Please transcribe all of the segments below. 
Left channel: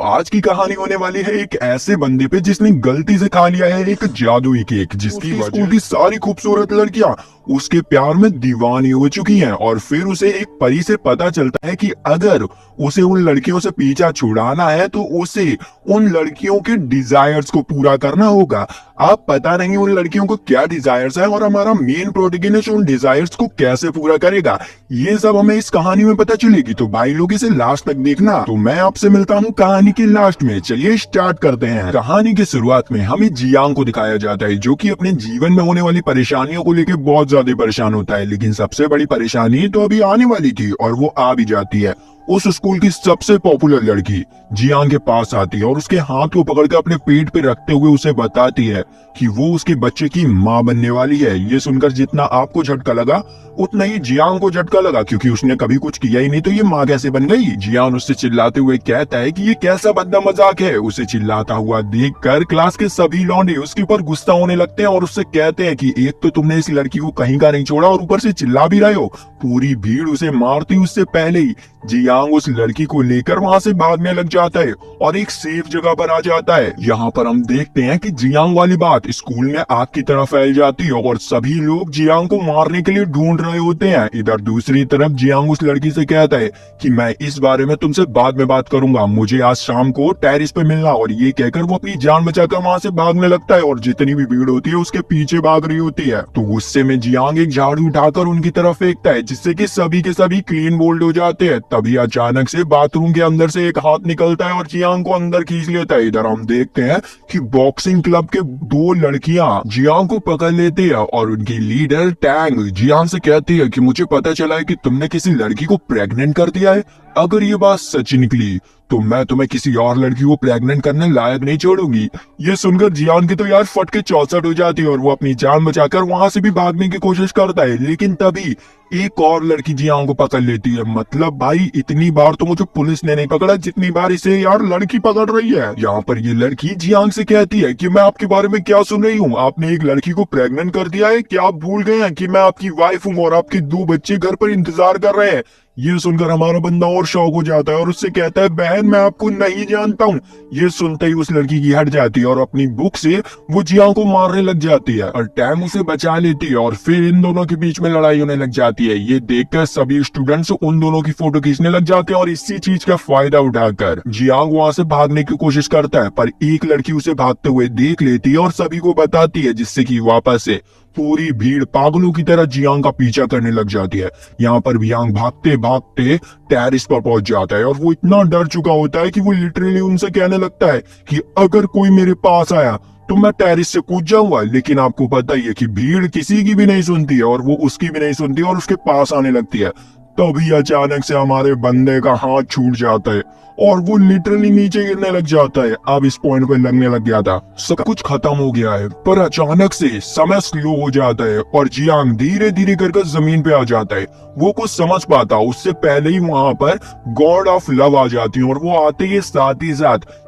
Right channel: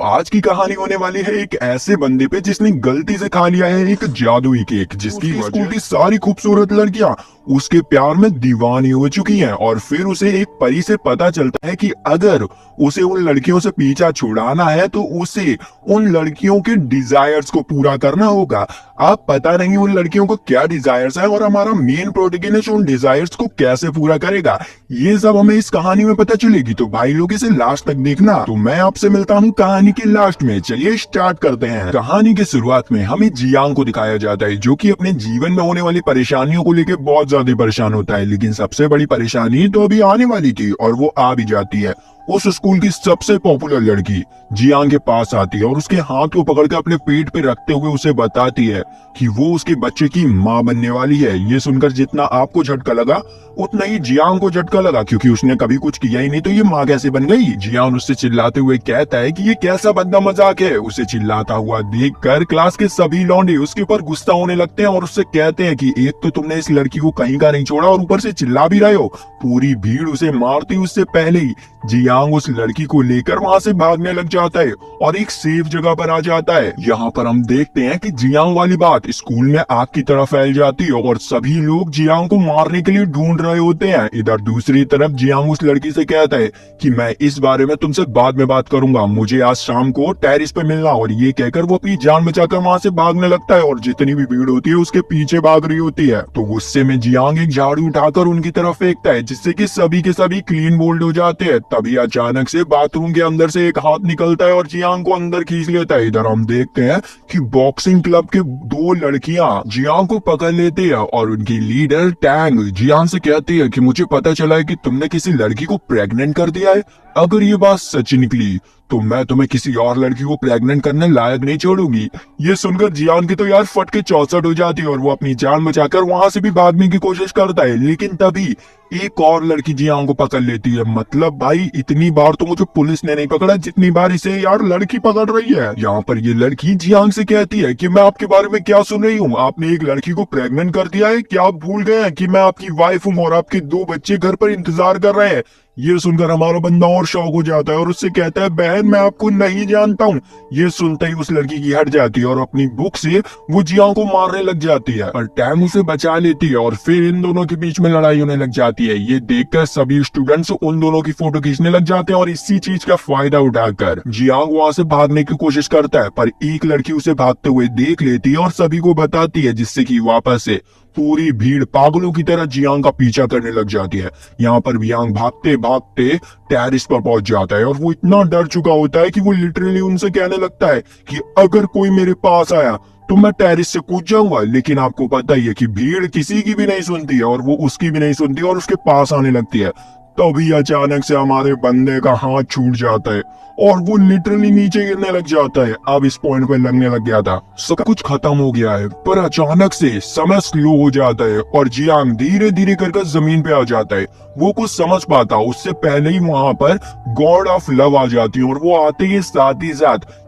आज की कहानी होने वाली है एक ऐसे बंदे पे जिसने गलती से खा लिया है एक जादुई केक, जिसकी स्कूल की सारी खूबसूरत लड़कियां उसके प्यार में दीवानी हो चुकी हैं। और फिर उसे एक परी से पता चलता है कि अगर उसे उन लड़कियों से पीछा छुड़ाना है तो उसे उन लड़कियों के डिजायर्स को पूरा करना होगा। आप पता नहीं उन लड़कियों को क्या डिजायर्स है और हमारा मेन प्रोटैगनिस्ट उन डिजायर्स को कैसे पूरा करेगा, ये सब हमें इस कहानी में पता चलेगी। तो भाई लोग इसे लास्ट तक देखना। तो मैं आपसे मिलता हूँ कहानी के लास्ट में। चलिए स्टार्ट करते हैं। कहानी की शुरुआत में हमें जियांग को दिखाया जाता है, जो कि अपने जीवन में होने वाली परेशानियों को लेकर बहुत ज्यादा परेशान होता है। लेकिन सबसे बड़ी परेशानी तो अभी आने वाली थी और वो आ भी जाती है। उस स्कूल की सबसे पॉपुलर लड़की जियांग के पास आती है और उसके हाथ को पकड़ के अपने पेट पे रखते हुए उसे बताती है कि वो उसके बच्चे की माँ बनने वाली है। ये सुनकर जितना आपको झटका लगा उतना ही जियांग को झटका लगा, क्योंकि उसने कभी कुछ किया ही नहीं, तो ये माँ कैसे बन गई। जियांग उससे चिल्लाते हुए कहता है कि ये कैसा बंदा मजाक है। उसे चिल्लाता हुआ देखकर क्लास के सभी लौंडे उसके ऊपर गुस्सा होने लगते हैं और उससे कहते हैं कि एक तो तुमने इस लड़की को कहीं का नहीं छोड़ा और ऊपर से चिल्ला भी रहे हो। पूरी भीड़ उसे मारती उससे पहले ही जियांग उस लड़की को लेकर वहाँ से भागने लग जाता है और एक सेफ जगह पर आ जाता है। यहाँ पर हम देखते हैं कि जियांग वाली बात स्कूल में आग की तरह फैल जाती है और सभी लोग जियांग को मारने के लिए ढूंढ रहे होते हैं। इधर दूसरी तरफ जियांग उस लड़की से कहता है कि मैं इस बारे में तुमसे बाद में बात करूंगा, मुझे आज शाम को टेरिस पे मिलना। और ये कहकर वो अपनी जान बचाकर वहाँ से भागने लगता है और जितनी भी भीड़ होती है उसके पीछे भाग रही होती है। तो गुस्से में जियांग एक झाड़ू उठाकर उनकी तरफ फेंकता है, जिससे कि सभी के सभी क्लीन बोल्ड हो जाते हैं। तभी अचानक से बाथरूम के अंदर से एक हाथ निकलता है और जियांग को अंदर खींच लेता है। इधर हम देखते हैं कि बॉक्सिंग क्लब के दो लड़कियां जियांग को पकड़ लेती है और उनकी लीडर टैंग जियांग से कहती है कि मुझे पता चला है कि तुमने किसी लड़की को प्रेग्नेंट कर दिया है। अगर ये बात सच निकली तो मैं तुम्हें किसी और लड़की को प्रेग्नेंट करने लायक नहीं छोड़ूंगी। ये सुनकर जियांग की तो यार फट के चौसठ हो जाती है और वो अपनी जान बचाकर वहां से भी भागने की कोशिश करता है। लेकिन तभी एक और लड़की जियांग को पकड़ लेती है। मतलब भाई इतनी बार तो मुझे पुलिस ने नहीं पकड़ा जितनी बार इसे यार लड़की पकड़ रही है। यहाँ पर ये लड़की जियांग से कहती है कि मैं आपके बारे में क्या सुन रही हूँ, आपने एक लड़की को प्रेग्नेंट कर दिया है। क्या आप भूल गए हैं कि मैं आपकी वाइफ हूँ और आपके दो बच्चे घर पर इंतजार कर रहे हैं। ये सुनकर हमारा बंदा और शॉक हो जाता है और उससे कहता है बहन मैं आपको नहीं जानता हूँ। ये सुनते ही उस लड़की की हट जाती है और अपनी बुक से वो जियांग को मारने लग जाती है और टैंग उसे बचा लेती है और फिर इन दोनों के बीच में लड़ाई होने लग जाती है। ये देखकर सभी स्टूडेंट्स उन दोनों की फोटो खींचने लग जाते हैं और इसी चीज का फायदा उठाकर जियांग वहाँ से भागने की कोशिश करता है, पर एक लड़की उसे भागते हुए देख लेती है और सभी को बताती है, जिससे कि वापस से पूरी भीड़ पागलों की तरह जियांग का पीछा करने लग जाती है। यहाँ पर जियांग भागते भागते टेरिस पर पहुंच जाता है और वो इतना डर चुका होता है कि वो लिटरली उनसे कहने लगता है कि अगर कोई मेरे पास आया तो मैं टेरिस से कूद जाऊंगा। लेकिन आपको पता ही है कि भीड़ किसी की भी नहीं सुनती है और वो उसकी भी नहीं सुनती और उसके पास आने लगती है। तभी अचानक से हमारे बंदे का हाथ छूट जाता है और वो लिटरली नीचे गिरने लग जाता है। अब इस पॉइंट पे लगने लग गया था सब कुछ खत्म हो गया है, पर अचानक से समय स्लो हो जाता है और जियांग धीरे धीरे करके जमीन पे आ जाता है। वो कुछ समझ पाता उससे पहले ही वहाँ पर गॉड ऑफ लव आ जाती है और वो आते ही साथ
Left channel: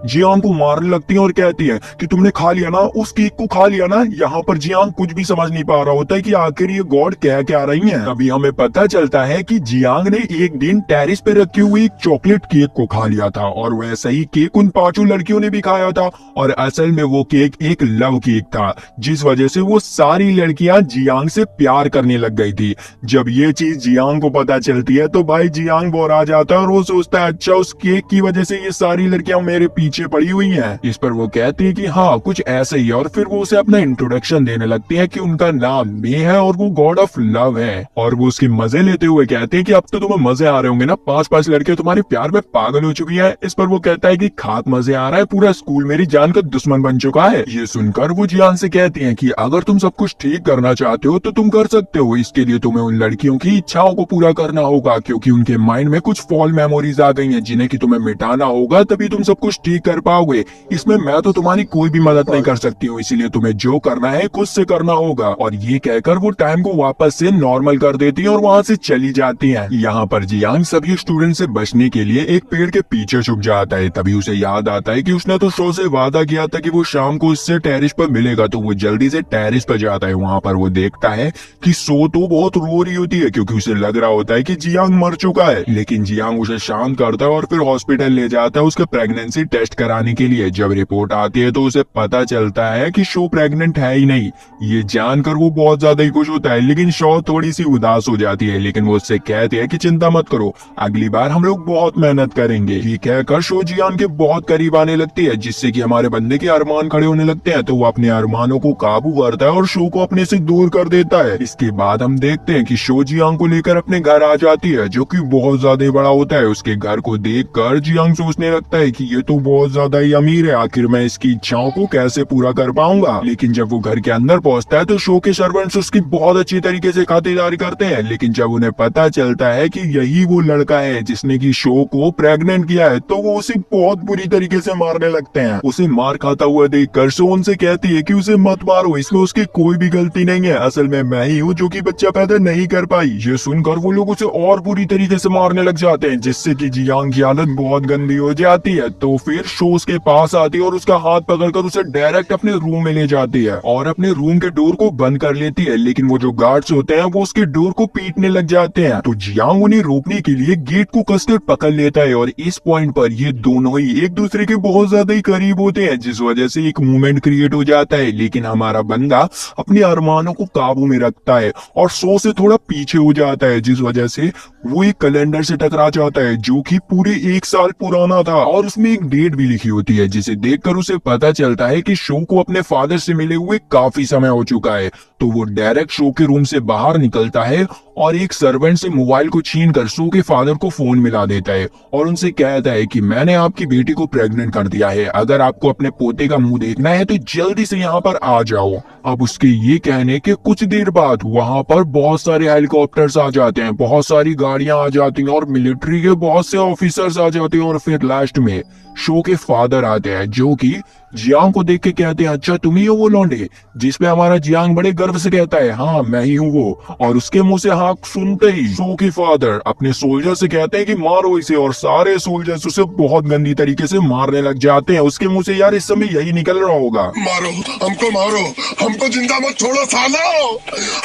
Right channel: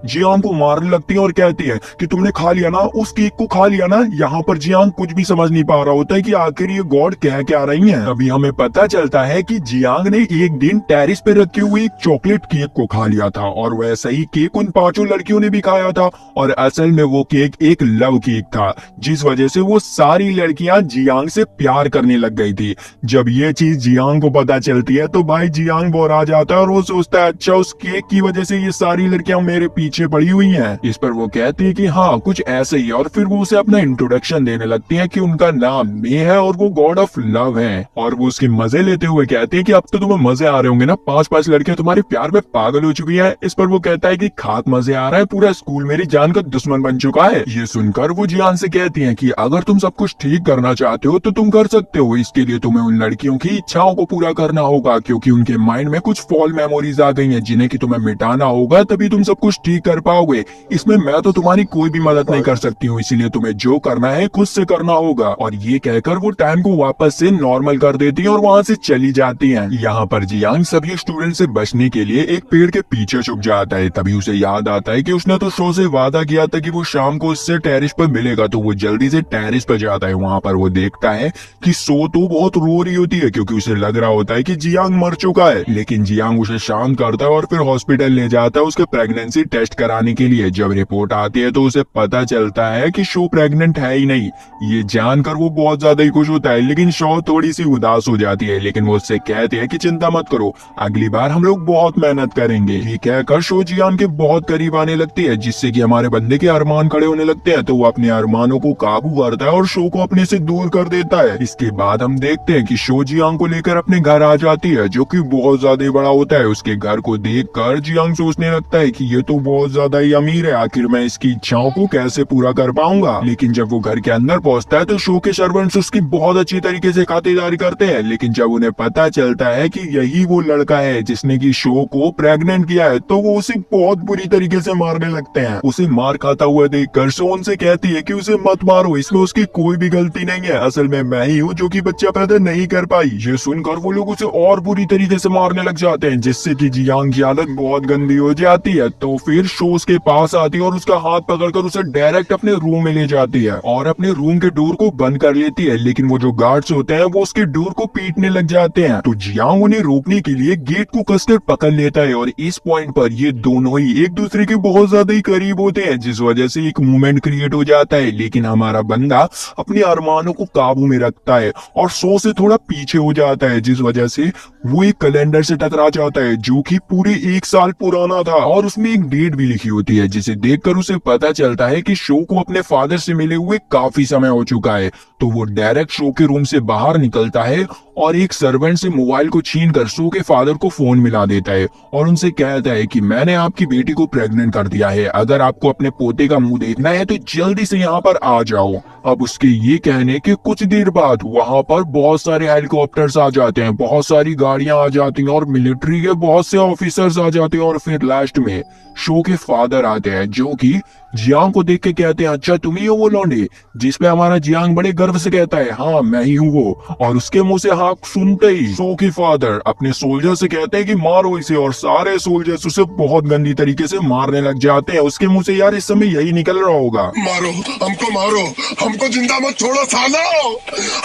जियांग को मारने लगती है और कहती है कि तुमने खा लिया ना, उस केक को खा लिया ना। यहाँ पर जियांग कुछ भी समझ नहीं पा रहा होता है कि आखिर ये गॉड कह क्या रही है। तभी हमें पता चलता है कि जियांग ने एक दिन टेरिस पे रखी हुई एक चॉकलेट केक को खा लिया था और वैसा ही केक उन पांचों लड़कियों ने भी खाया था और असल में वो केक एक लव केक था, जिस वजह से वो सारी लड़कियां जियांग से प्यार करने लग गई थी। जब ये चीज जियांग को पता चलती है तो भाई जियांग बोर आ जाता है और वो सोचता है अच्छा उस केक की वजह से ये सारी लड़कियां मेरे पीछे पड़ी हुई हैं। इस पर वो कहती है कि हाँ कुछ ऐसे ही, और फिर वो उसे अपना इंट्रोडक्शन देने लगती है कि उनका नाम मे है और वो गॉड ऑफ लव है। और वो उसके मजे लेते हुए कहते हैं कि अब तो तुम्हें मजे आ रहे होंगे ना, 5-5 लड़कियां तुम्हारे प्यार में पागल हो चुकी है। इस पर वो कहता है कि खाक मजे आ रहा है, पूरा स्कूल मेरी जान का दुश्मन बन चुका है। ये सुनकर वो जियांग से कहती है कि अगर तुम सब कुछ ठीक करना चाहते हो तो तुम कर सकते हो, इसके लिए तुम्हें उन लड़कियों की इच्छाओं को पूरा करना होगा, क्योंकि उनके माइंड में कुछ फॉल मेमोरीज आ गई हैं जिन्हें कि तुम्हें मिटाना होगा, तभी तुम सब कुछ ठीक कर पाओगे। इसमें मैं तो तुम्हारी कोई भी मदद नहीं कर सकती हूँ, इसीलिए तुम्हें जो करना है खुद से करना होगा। और ये कहकर वो टाइम को वापस से नॉर्मल कर देती है और वहाँ से चली जाती हैं। यहाँ पर जियांग सभी स्टूडेंट से बचने के लिए एक पेड़ के पीछे छुप जाता है। तभी उसे याद आता है कि उसने तो शो से वादा किया था कि वो शाम को उससे टेरिस पर मिलेगा, तो वो जल्दी से टेरिस पर जाता है। वहाँ पर वो देखता है कि शो तो बहुत रो रही होती है क्योंकि उसे लग रहा होता है कि जियांग मर चुका है। लेकिन जियांग उसे शांत करता है और फिर हॉस्पिटल ले जाता है उसका प्रेगनेंसी टेस्ट कराने के लिए। जब रिपोर्ट आती है तो उसे पता चलता है कि शो प्रेग्नेंट है ही नहीं। ये जानकर वो बहुत ज्यादा ही खुश होता है, लेकिन शो थोड़ी सी उदास हो जाती है। लेकिन वो उससे कहते हैं कि चिंता मत करो, अगली बार हम लोग बहुत मेहनत करेंगे। ये कहकर शो जियांग के बहुत करीब आने लगती है, जिससे कि हमारे बंदे के अरमान खड़े होने लगते हैं। तो वो अपने अरमानों को काबू करता है और शो को अपने से दूर कर देता है। इसके बाद हम देखते हैं कि शो जियांग को लेकर अपने घर आ जाती है, जो कि बहुत ज्यादा बड़ा होता है। उसके घर को देखकर जियांग सोचने लगता है कि ये तो बहुत ज्यादा ही अमीर है, आखिर मैं इसकी इच्छाओं को कैसे पूरा कर पाऊंगा। लेकिन जब वो घर के अंदर पहुंचता है तो शो के सर्वेंट्स उसकी बहुत अच्छी तरीके से खातिरदारी करते हैं। लेकिन जब उन्हें पता चलता है कि यही वो लड़का है जिसने की शो को प्रेग्नेंट किया है, तो वो उसे बहुत बुरी तरीके से मारने लगते हैं। उसे मार खाता हुआ देखकर शो उनसे कहती है कि उसे मत मारो, इसमें उसकी कोई भी गलती नहीं है, असल में मैं ही हूँ जो कि बच्चा पैदा नहीं कर पाई। ये सुनकर वो लोग उसे और बुरी तरीके से मारने लग जाते हैं, जिससे कि जियांग की हालत बहुत गंदी हो जाती है। तो फिर शो उसके पास आती है और उसका हाथ पकड़कर उसे डायरेक्ट अपने रूम में ले जाती है और अपने रूम के डोर को बंद कर लेती है। लेकिन वो जो गार्ड्स होते हैं वो उसके डोर को पीटने लग जाते हैं। तो जियांग उन्हें रोकने के लिए गेट को कसकर पकड़ लेता है और इस पॉइंट पर ये दोनों ही एक दूसरे के बहुत ज्यादा ही करीब होते हैं, जिस वजह से एक मूवमेंट क्रिएट हो जाता है। लेकिन हमारा बंदा अपने अरमानों को काबू में रखता है और शो से थोड़ा पीछे हो जाता है, जिस वजह से वो एक कैलेंडर से टकरा जाता है जो कि पूरे 1 साल पुराना था और उसमें एक डेट भी लिखी होती है, जिसे देखकर उसे पता चलता है कि शो को अपने फादर से मिले हुए काफी समय हो चुका है। तो वो डायरेक्ट शो के रूम से बाहर निकलता है और एक सर्वेंट से मोबाइल को छीनकर शो के फादर को फोन मिला देता है और उनसे कहता है कि मैंने आपकी बेटी को प्रेग्नेंट कर दिया है, अगर आपको अपने पोते का मुंह देखना है तो जल्दी से यहाँ पर आ जाओ। अब उसके ये कहने के कुछ देर बाद वहाँ पर बहुत सारे हेलीकॉप्टर्स आ जाते हैं, बहुत सारी गाड़ियां आ जाती हैं और मिलिट्री के बहुत से ऑफिसर्स आ जाते हैं और फिर लास्ट में शो के फादर आते हैं, जो कि जियांग को देख के कहते हैं अच्छा तुम ही हो वो लौंडे, जिसपे हमारा जियांग बड़े गर्व से कहता है हाँ मैं ही हूँ वो। और उसके मुंह से हाँ सुनते ही शो के फादर अपने सोल्जर से कहते हैं कि मारो इसे, और सारे सोल्जर्स उसे बहुत गंदी तरीके से मारने लग जाते हैं। उसके मुंह से यार इस समय यही निकल रहा होगा, मारो हमको जिंदा मत छोड़ो सालो,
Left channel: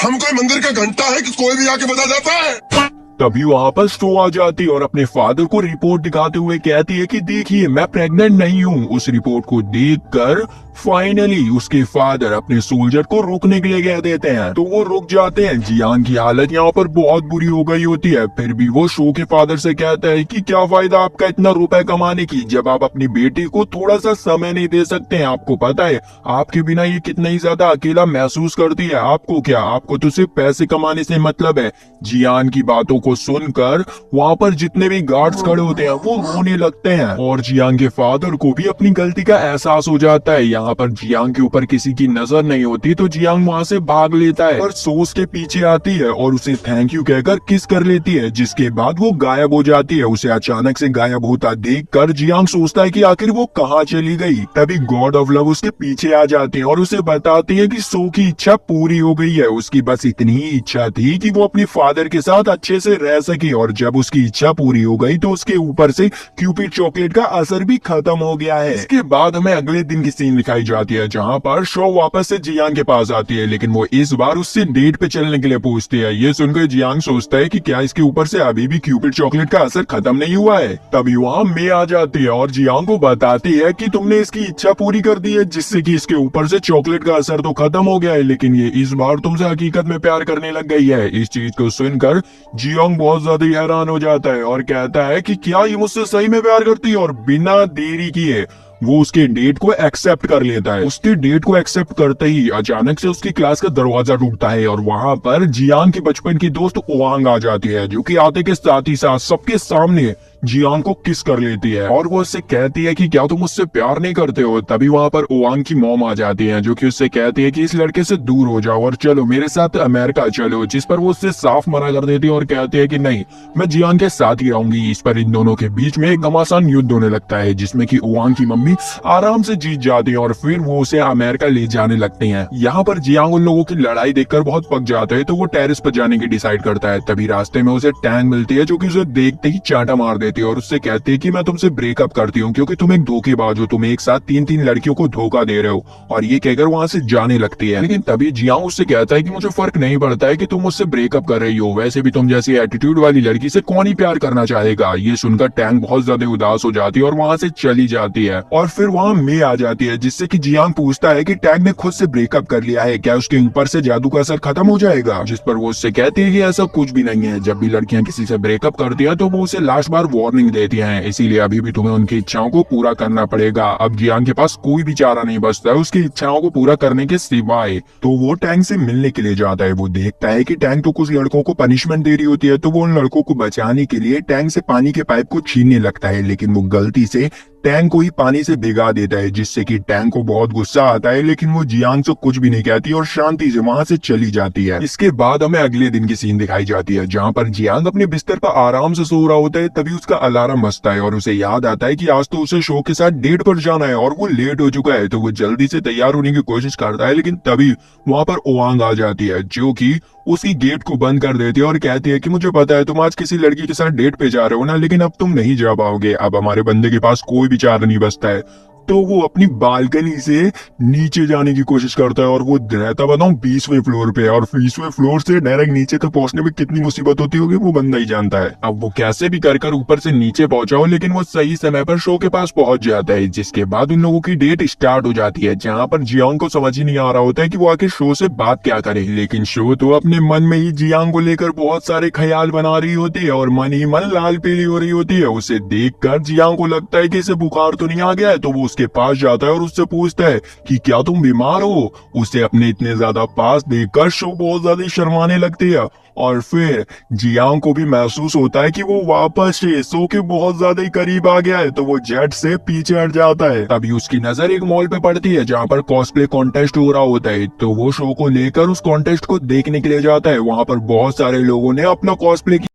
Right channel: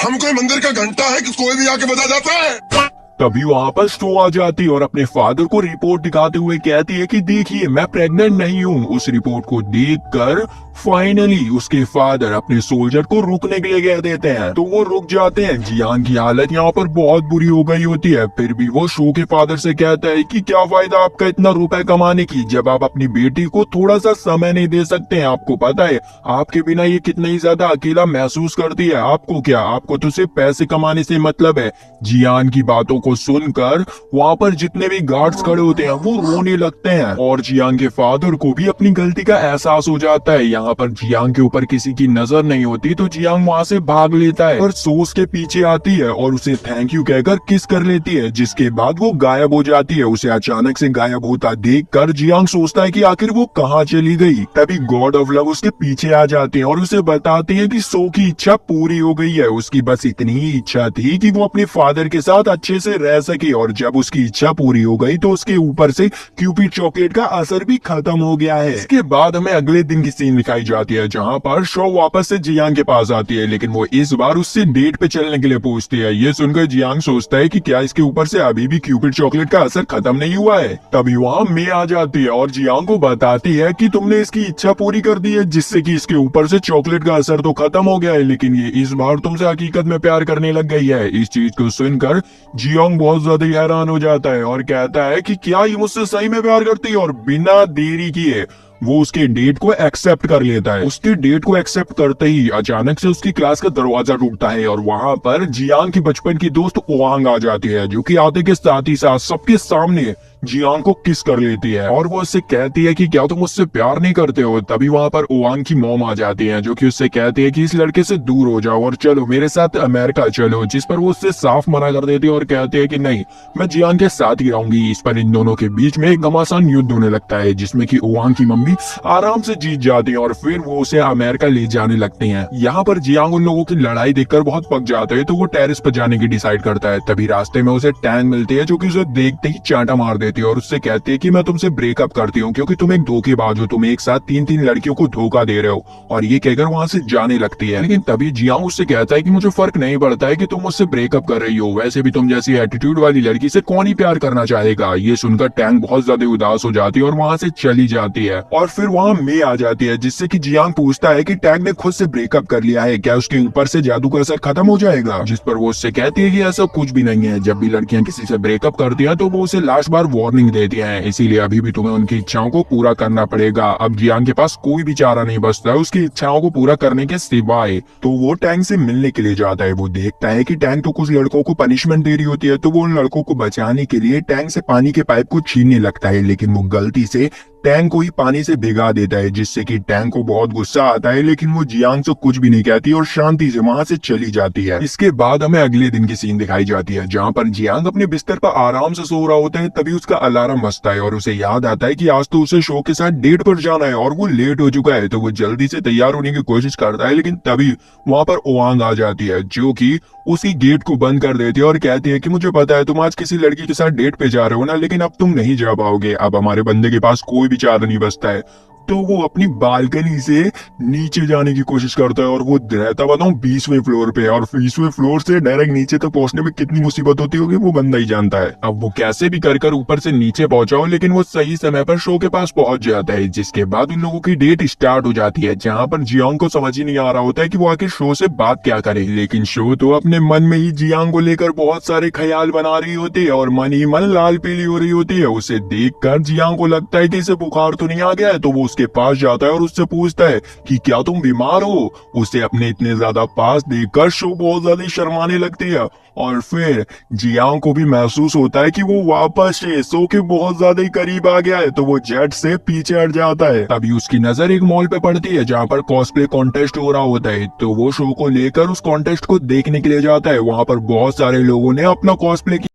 हम कोई मंदिर का घंटा है कि कोई भी आके बजा जाता है। तभी वहाँ पर शो आ जाती है और अपने फादर को रिपोर्ट दिखाते हुए कहती है कि देखिए मैं प्रेग्नेंट नहीं हूँ। उस रिपोर्ट को देखकर फाइनली उसके फादर अपने सोल्जर को रुकने के लिए कह देते हैं, तो वो रुक जाते हैं। जियांग की हालत यहाँ पर बहुत बुरी हो गई होती है, फिर भी वो शो के फादर से कहता है कि क्या फायदा आपका इतना रुपए कमाने की जब आप अपनी बेटी को थोड़ा सा समय नहीं दे सकते हैं। आपको पता है आपके बिना ये कितना ही ज्यादा अकेला महसूस करती है, आपको क्या, आपको तो सिर्फ पैसे कमाने से मतलब है। जियांग की बातों को सुनकर वहाँ पर जितने भी गार्ड्स खड़े होते हैं वो रोने लगते हैं और जियांग के फादर को भी अपनी गलती का एहसास हो जाता है। यहाँ पर जियांग के ऊपर किसी की नजर नहीं होती, तो जियांग वहाँ से भाग लेता है और सोस के पीछे आती है और उसे थैंक यू कहकर किस कर लेती है, जिसके बाद वो गायब हो जाती है। उसे अचानक से गायब होता देखकर जियांग सोचता है कि आखिर वो कहाँ चली गई। तभी गॉड ऑफ लव उसके पीछे आ जाती है और उसे बताती है कि सो की इच्छा पूरी हो गई है, उसकी बस इतनी ही इच्छा थी कि वो अपने फादर के साथ अच्छे से रह सके, और जब उसकी इच्छा पूरी हो गई तो उसके ऊपर से क्यूपिड चॉकलेट का असर भी खत्म हो गया है। इसके बाद हमें अगले दिन की सीन दिखाई जाती है जहाँ पर शो वापस से जियांग के पास आती है, लेकिन वो इस बार उससे डेट पे चलने के लिए पूछती है। ये सुनकर जियांग सोचता है कि क्या इसके ऊपर से अभी भी क्यूपिड चॉकलेट का असर खत्म नहीं हुआ है। तभी वहाँ मे आ जाती है और जियांग को बताती है कि तुमने इसकी इच्छा पूरी कर दी है, जिससे कि इसके ऊपर से चॉकलेट का असर तो खत्म हो गया है, लेकिन ये इस बार तुमसे हकीकत में प्यार करने लग गई है। इस चीज को सुनकर जियांग बहुत ज्यादा हैरान हो जाता है और कहता है कि क्या ये मुझसे सही में प्यार करती है, और बिना देरी किए वो उसके डेट को एक्सेप्ट कर लेता है। उसके डेट को एक्सेप्ट करते ही अचानक से उसकी क्लास का दरवाजा टूटता है और वहाँ पर जियांग के बचपन की दोस्त ओवांग आ जाती है, जो कि आते के साथ ही साथ सबके सामने जियांग को किस कर लेती है और वो उससे कहती है कि क्या तुम मुझसे प्यार नहीं करते हो। तभी वहाँ पर ओवांग की मॉम आ जाती है, जो कि उससे कहती है कि इस लड़के से दूर हो जाओ और चलो मेरे साथ अमेरिका चलो। जिस पर वो उससे साफ मना कर देती है और कहती है कि नहीं, मैं जियांग के साथ ही रहूंगी। इस पर इन दोनों के बीच में एक घमासान युद्ध होने लगता है, जिसमें कि ओवांग की मम्मी आराम से जीत जाती है और फिर वो उसे अमेरिका ले जाने लगती है। यहाँ पर जियांग उन लोगों की लड़ाई देखकर बहुत पक जाता है, तो वो टेरेस पर जाने की डिसाइड करता है। तभी रास्ते में उसे टैंग मिलती है, जो कि उसे देखते ही चाटा मार देती है और उससे कहती है कि मैं तुमसे ब्रेकअप करती हूँ क्योंकि तुम एक धोखेबाज हो, तुम एक साथ तीन तीन लड़कियों को धोखा दे रहे हो। और ये कहकर वहां से जाने लगती है। लेकिन तभी जियांग उससे कहता है कि मुझे फर्क नहीं पड़ता है कि तुम मुझसे ब्रेकअप कर रही हो, वैसे भी तुम जैसी एटीट्यूड वाली लड़की से कौन ही प्यार करना चाहेगा। ये सुनकर टैंग बहुत ज्यादा उदास हो जाती है और वहां से चली जाती है। और फिर वहां मे आ जाती है, जिससे कि जियांग पूछता है कि टैंग ने खुद से ब्रेकअप कर लिया है, क्या उसके ऊपर से जादू का असर खत्म हो जाएगा। जिस पर वो उससे कहती है कि ऐसा कुछ भी नहीं है। जब भी लड़कियां किसी से ब्रेकअप करती है तो वो उसे लास्ट बार वार्निंग देती है, इसीलिए अभी भी तुम्हें उनकी इच्छाओं को पूरा करना पड़ेगा। अब जियांग के पास कोई भी चारा नहीं बचता है उसकी इच्छाओं को पूरा करने के सिवाय। तो वो टैंग से मिलने के लिए जाता है। वो देखता है कि टैंग तो कुछ लड़कों को पनिशमेंट दे रही होती है, तो वो उन लड़कों को बचाने के लिए टैंग से पानी के पाइप को छीनने लगता है, लेकिन वो गलती से टैंग को ही पानी से भिगा देता है, जिससे कि टैंग को बहुत गुस्सा आता है। लेकिन वो जियांग से कुछ भी नहीं कहती और शांति से वहां से चली जाती है। इसके बाद हमें अगले दिन की सीन दिखाई जाती है, जहाँ पर जियांग अपने बिस्तर पर आराम से सो रहा होता है। तभी उसका अलार्म बजता है और उसे याद आता है कि आज तो उसे शो के साथ डेट पर जाना है और वो लेट हो चुका है। तो वो जल्दी से तैयार होने की कोशिश करता है, लेकिन तभी वहां पर ओवांग आ जाती है, जो कि उसी गेट को बंद कर देती है और कहती है कि मुझे पता है तुम आज किसी लड़की के साथ डेट पे जा रहे हो ना, लेकिन अब तुम नहीं जा पाओगे। अब हमारे बंदे के पास कोई भी चारा नहीं बचता है। तो वो अपनी बालकनी से नीचे जाने की कोशिश करता है और वो रहता बताऊं 20वें फ्लोर पे, और 20वें फ्लोर से डायरेक्ट नीचे तक पहुंचने में कितनी मुसीबत होती होगी वो बंदा ही जानता है। अब वो कैसे भी कर ऊपर से नीचे पहुंचा हो, लेकिन वो सही समय पर शो के पास पहुंच जाता है। जिसके बाद उन लोगों की डेट स्टार्ट हो जाती है, जहाँ पर जियांग को समझ ही नहीं आ रहा होता है कि वो आके शो से बात क्या करे। लेकिन शो तो अपने मन में ही जियांग को लेकर बहुत सारे ख्याल बना रही होती है और मन ही मन लाल पीली हो रही होती है। उसे देखकर जियांग को लगता है कि इसे बुखार तो नहीं आ गया है, तो वो उसके पास जाता है और उससे पूछता है कि क्या तुम बीमार हो। उसे अपने इतने ज्यादा पास देखकर शो बहुत ज्यादा शर्माने लगती है और फिर जियांग को भी महसूस होता है कि वो वापस से शो के बहुत ज्यादा ही करीब आ गया है, तो वो झट से पीछे हट जाता है। तभी उसकी नजर एक मॉल पे पड़ती है, जहाँ पर कॉस्प्ले कॉन्टेस्ट हो रहा होता है। तो वो शो को लेकर उस कॉन्टेस्ट को देखने के लिए जाता है। वहाँ पर बहुत सारे लोगों ने अपना कॉस्प्ले